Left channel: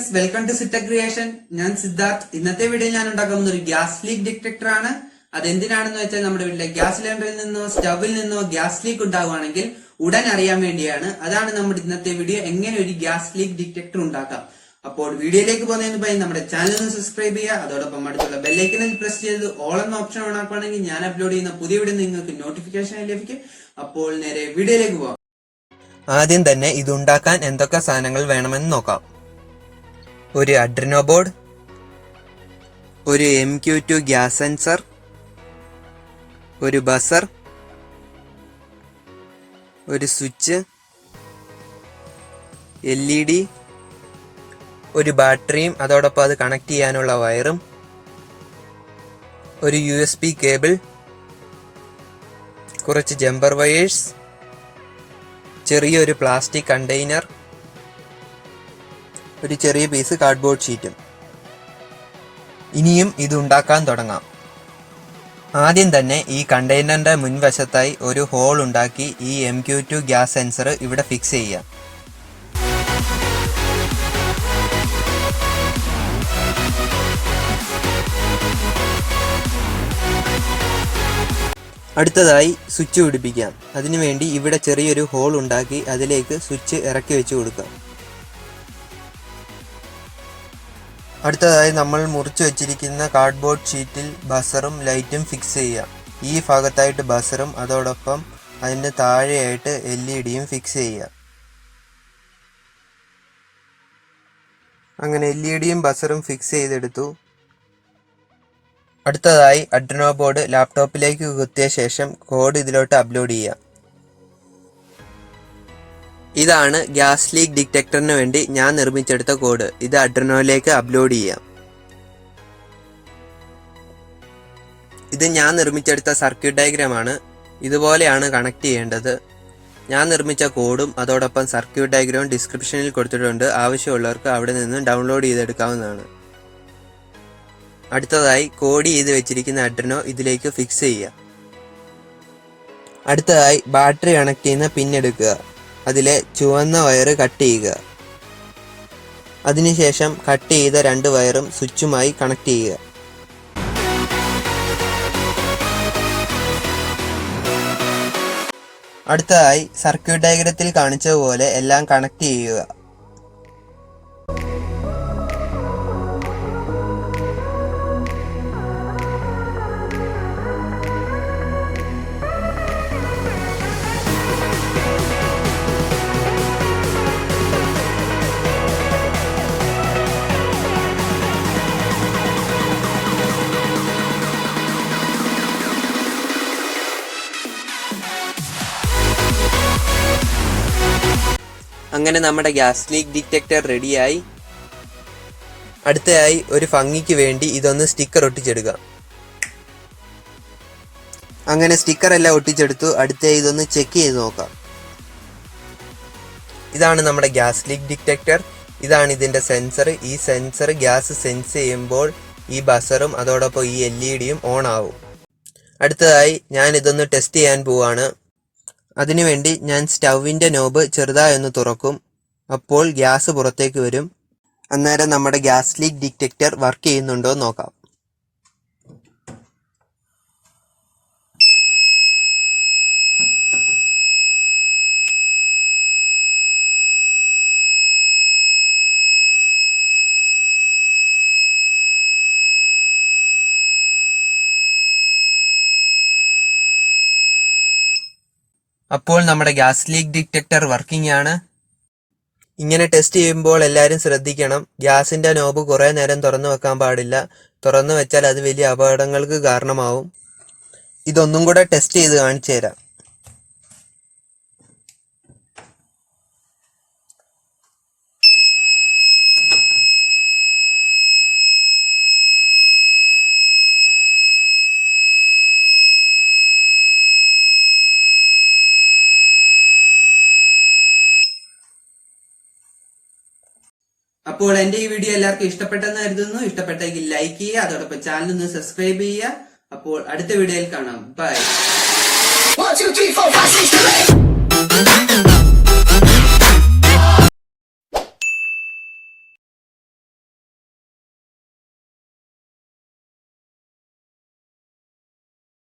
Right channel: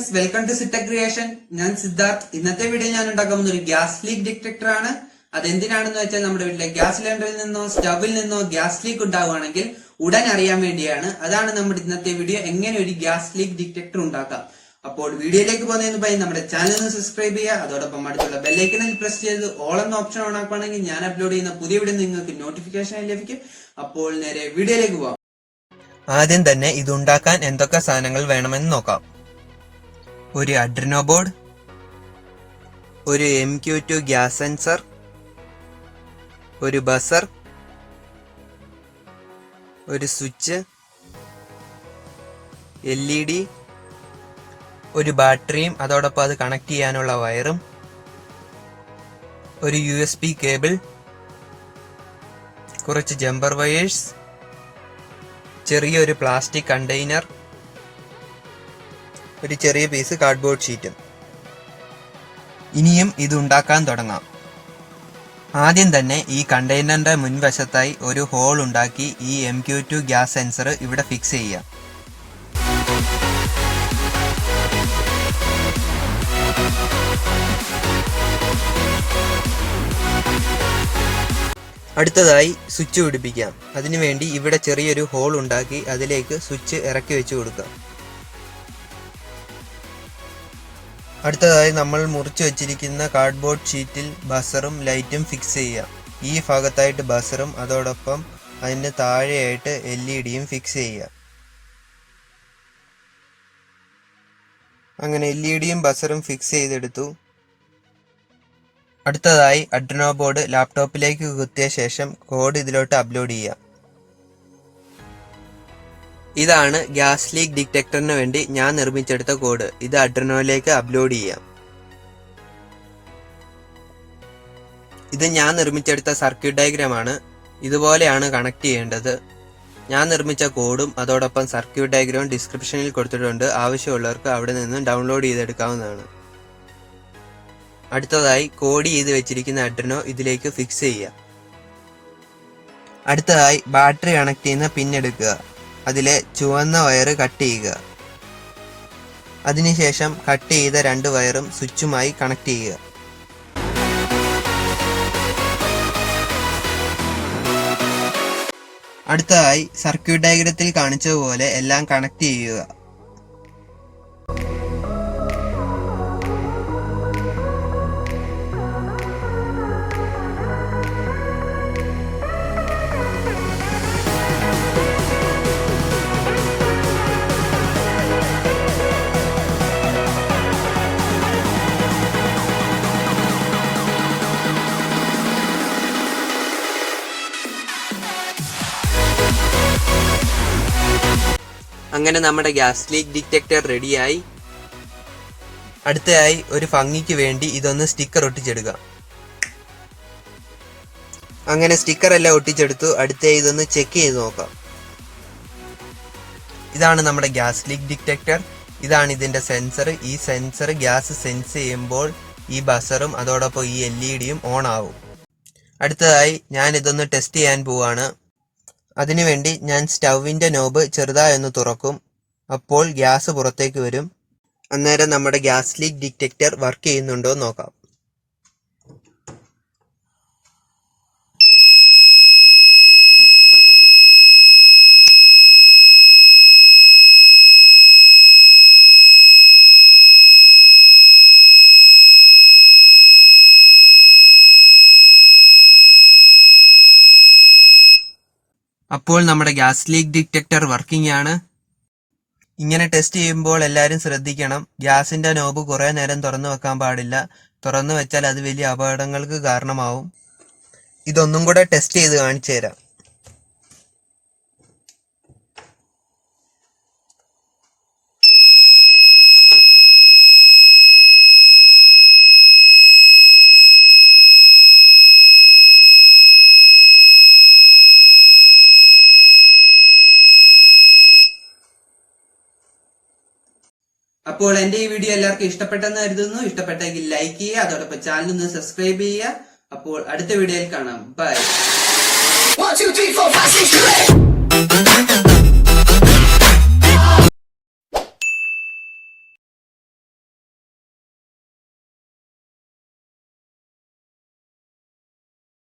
Friends, welcome to സിറ്റ creation. ഞാൻ സിദ്ധാർത്ഥ്. ഇന്നത്തെ വീഡിയോ ഞാൻ ഉണ്ടാക്കുന്ന ഒരു ഗ്യാസ് ലീക്ക് ഡിറ്റക്ടർ ആണ്. അതെന്തിനാണെന്ന് വെച്ചാൽ നമ്മുടെ വീട്ടിലെ ഗ്യാസ് സിലിണ്ടറിൽ നിന്നോ സ്റ്റവിൽ നിന്നോ ഗ്യാസ് ലീക്ക് ഉണ്ടാവുകയാണെങ്കിൽ ഉടൻ അറിയാൻ വേണ്ടിയാണ്. അതാണ് നമ്മുടെ ഇന്നത്തെ വീഡിയോ, എങ്ങനെ ഒരു ഗ്യാസ് ലീക്ക് ഡിറ്റക്ടർ ഉണ്ടാക്കാം. അപ്പോൾ വീഡിയോയിലേക്ക് പോകുന്നതിന് മുമ്പായി നമ്മുടെ ചാനൽ ഒന്ന് സബ്സ്ക്രൈബ് ചെയ്യുക. അതോടൊപ്പം അടുത്തുള്ള ബെല്ലൈക്കണിൽ പ്രസ് ചെയ്ത് ഓൾ എന്ന ഓപ്ഷൻ ഓൺ ആക്കുകയാണെങ്കിൽ ഞാൻ അപ്ലോഡ് ചെയ്യുന്ന പുതിയ വീഡിയോ നിങ്ങൾക്ക് നോട്ടിഫിക്കേഷൻ ലഭിക്കും. അപ്പോൾ നേരെ വീഡിയോയിലേക്ക് പോകാം. ആദ്യം തന്നെ ഇതുണ്ടാക്കാൻ എന്തൊക്കെ സാധനങ്ങൾ വേണമെന്ന് നോക്കാം. ഒരു അഡ്രിനോ ബോർഡ്, ഒരു MQ2 ഗ്യാസ് സെൻസർ, ഒരു ബസർ, ഒരു സ്വിച്ച്, LED, ഒരു ബാറ്ററിയും അതോടൊപ്പം അത് കണക്ട് ചെയ്യാനുള്ള വയറും, ഒരു USB കേബിൾ, കുറച്ച് ജമ്പർ വയേഴ്സ്, ചെറിയൊരു പ്ലാസ്റ്റിക് കണ്ടെയ്നർ, ഒരു ചെറിയ പീസ് കാർഡ്ബോർഡ് ഷീറ്റും. ഇനിയും ഇത് ഉണ്ടാക്കാൻ തുടങ്ങാം. ആദ്യം തന്നെ ഈ കണ്ടെയ്നറിന്റെ മുൻവശത്തായി ഒരു ഹോൾ ഉണ്ടാക്കി ഈ MQ2 ഗ്യാസ് സെൻസർ ഇവിടെ ഫിക്സ് ചെയ്യാം. അടുത്തതായി സ്വിച്ച് പിടിപ്പിക്കാം. അതിനുവേണ്ടി ഇവിടെ ചെറിയൊരു ഹോൾ ഉണ്ടാക്കി അതിലേക്ക് സ്വിച്ച് ഇറക്കി വെച്ച് കൊടുക്കാം. അടുത്തതായി നമ്മൾ മുറിച്ചു വെച്ചിരിക്കുന്ന കാർഡ്ബോർഡ് ഷീറ്റിൽ ബസറും ലൈറ്റും ഫിക്സ് ചെയ്യാം. ഈ ഭാഗത്തായിട്ട് ബസറും അതോടൊപ്പം അതിൻ്റെ താഴെയായിട്ട് LED ഫിക്സ് ചെയ്യാം. അങ്ങനെ LED ബസറും ഫിക്സ് ചെയ്തെടുത്തു. അടുത്തതായി അഡ്രിനോ ബോർഡ് ലാപ്ടോപ്പിലേക്ക് കുത്തിയ ശേഷം കോഡ് ഇതിലോട്ട് അപ്ലോഡ് ചെയ്യാം. ഇതാണ് ഗ്യാസ് ലീക്ക് ഡിറ്റക്ടറിന് വേണ്ടി ഞാൻ നിർമ്മിച്ചെടുത്ത കോഡ്. ഇത് അഡ്രിനോയിലേക്ക് അപ്ലോഡ് ചെയ്യാം. ഇത് ഞാൻ നിർമ്മിച്ചെടുത്ത സർക്യൂട്ട് ഡയഗ്രാം ആണ്. ഇതുപോലെയാണ് കണക്ട് ചെയ്യേണ്ടത്. ഞാൻ നിർമ്മിച്ച കോഡും അതോടൊപ്പം സർക്യൂട്ട് ഡയഗ്രാമും ഡിസ്ക്രിപ്ഷനിൽ കൊടുത്തിട്ടുണ്ട്. ആവശ്യമുള്ളവർക്ക് അവിടെ നിന്ന് ഡൗൺലോഡ് ചെയ്തെടുക്കാവുന്നതാണ്. അടുത്തതായി കോഡ് ചെയ്ത് വെച്ചിരിക്കുന്ന അഡ്രിനോ ഇതിലേക്ക് ഫിക്സ് ചെയ്യുക. അടുത്തതായി ബാറ്ററി കണക്ട് ചെയ്യുന്ന പിൻ എടുക്കുക. അതിലെ ചുവന്ന വയറ് കട്ട് ചെയ്യുക. അതിനുശേഷം കട്ട് ചെയ്ത 2 വയറും സ്വിച്ചുമായി കണക്ട് ചെയ്യുക. അടുത്തതായി സർക്യൂട്ട് ഡയഗ്രത്തിൽ കാണിച്ചതുപോലെ എല്ലാം കണക്ട് ചെയ്യുക. അങ്ങനെ നമ്മുടെ ഗ്യാസ് ലീക്ക് ഡിറ്റക്ടർ റെഡിയായി. അടുത്തതായി ഒരു ഭംഗിക്ക് വേണ്ടി ഇതൊന്ന് സ്റ്റിക്കർ ഒട്ടിച്ചെടുക്കാം. അങ്ങനെ സ്റ്റിക്കർ എല്ലാം ഒട്ടിച്ചെടുത്തു. അടുത്തതായി ഇതൊന്ന് ചെക്ക് ചെയ്ത് നോക്കാം. ഇതാണ് നമ്മുടെ ഗ്യാസ് ലീക്ക് ഡിറ്റക്ടർ. ഇതാണ് ഇതിൻ്റെ സെൻസർ. ഈ സെൻസർ ഗ്യാസ് സെൻസ് ചെയ്യുമ്പോൾ ഈ ബസറും അതോടൊപ്പം ഈ LED ഓൺ ആവും. അടുത്തതായി ഞാൻ ഇതൊന്ന് ടെസ്റ്റ് ചെയ്യാൻ പോവാണ്. അതിനുവേണ്ടി ഞാൻ സ്റ്റൗവിൻ്റെ നോബ് ചെറുതായി ഒന്ന് തുറക്കും. അപ്പോൾ ഗ്യാസ് പുറത്തേക്ക് വരും. അന്നേരം നമ്മുടെ ഗ്യാസ് ലീക്ക് ഡിറ്റക്ടർ വർക്ക് ചെയ്യുന്നുണ്ടോ എന്ന് നോക്കാം. അപ്പോൾ നമ്മുടെ ഗ്യാസ് ലീക്ക് ഡിറ്റക്ടർ വർക്കിംഗ് ആണ്. ഇങ്ങനെ ടെസ്റ്റ് ചെയ്യുമ്പോൾ എല്ലാവരും ശ്രദ്ധിക്കണം. ഗ്യാസിൻ്റെ നോബ് കുറേ നേരം തുറന്നു വെക്കാൻ പാടില്ല. തുറന്നു വെച്ചാൽ അത് വലിയ അപകടങ്ങൾക്ക് കാരണമാവും. ഇതൊന്നും കൂടെ ടെസ്റ്റ് ചെയ്ത് കാണിച്ചു തരാം. അപ്പോൾ എന്റെ ഈ വീഡിയോ എല്ലാവർക്കും ഇഷ്ടപ്പെട്ടെന്ന് കരുതുന്നു. ഇഷ്ടപ്പെട്ടെങ്കിൽ ലൈക്ക് ചെയ്യുക, അതോടൊപ്പം ചാനൽ ഒന്ന് സബ്സ്ക്രൈബ് ചെയ്യുക. അപ്പോൾ അടുത്ത വീഡിയോയിൽ കാണാം. ബൈ. 1 2 3 4 5 6 7